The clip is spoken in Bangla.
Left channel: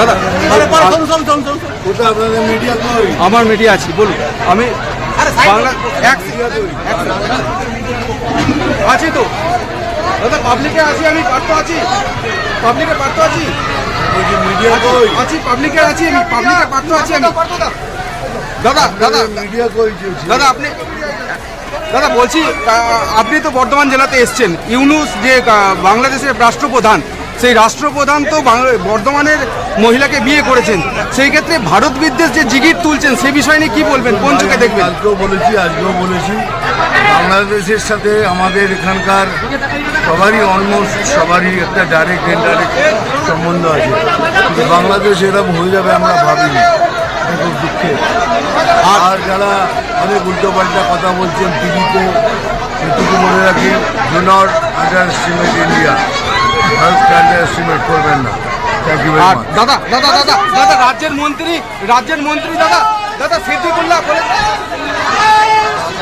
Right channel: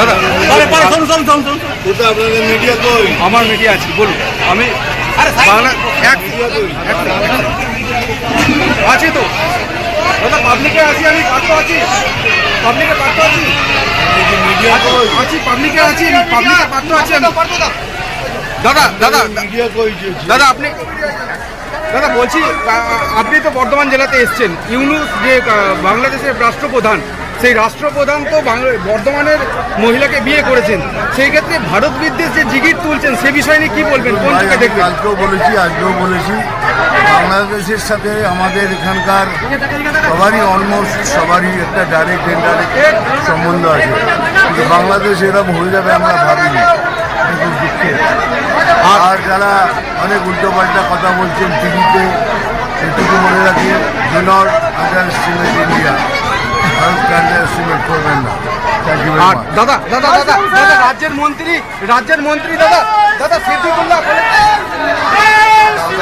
দাদা আপনাদের মিডিয়া কই? আমার মিডিয়া আছে, বলুন। আমি বাংলা আছি তো দাদা, পাবলিকে আছি, আমি পাঠ্য আছি, পাবলিকে পাঠ্য আছি, মিডিয়া কই? আছি পাবলিকে আছি, আমি পাবলিকে পাঠ্য আছি আমি। দাদা দাদা মিডিয়া কই? দাদা আপনি দাদা বলছি, আপনি তো বর্ধমান জেলাতে এসছেন। ইউনূস যে বাংলাদেশের রাষ্ট্রপ্রধান, সেই রাষ্ট্রপ্রধান তো বর্ধমানের মহিলাকে বিয়ে করেছেন। সেই ক্ষেত্রে ভারত বিদ্বেষ যে জিগির তুলছেন, সে বিষয় নিয়ে কি বলবেন? কোন চোখে দেখবেন? কালকেও বলেছি, আজকেও বলেছি, বাংলাদেশের সাথে আমাদের এখানকার সবারই অলমোস্ট সবারই একটা ডাইরেক্ট ইনডাইরেক্ট সম্বন্ধ আছে, কিন্তু বাংলাদেশ এরকম হয়ে যাবে আমরা ভাবিনি। এটা খুব দুঃখের। আর যারা অনেক উল্টোপাল্টা কথা বলছেন টিভিতে, এটুকু মনে রাখি, do not underestimate India. ভারতকে আন্ডার এস্টিমেট করবেন না। Thank you very much. দাদা দাদা দাদা দাদা রাজ্যের মন্ত্রী দাদা সিদ্দিকুল্লাহ বলে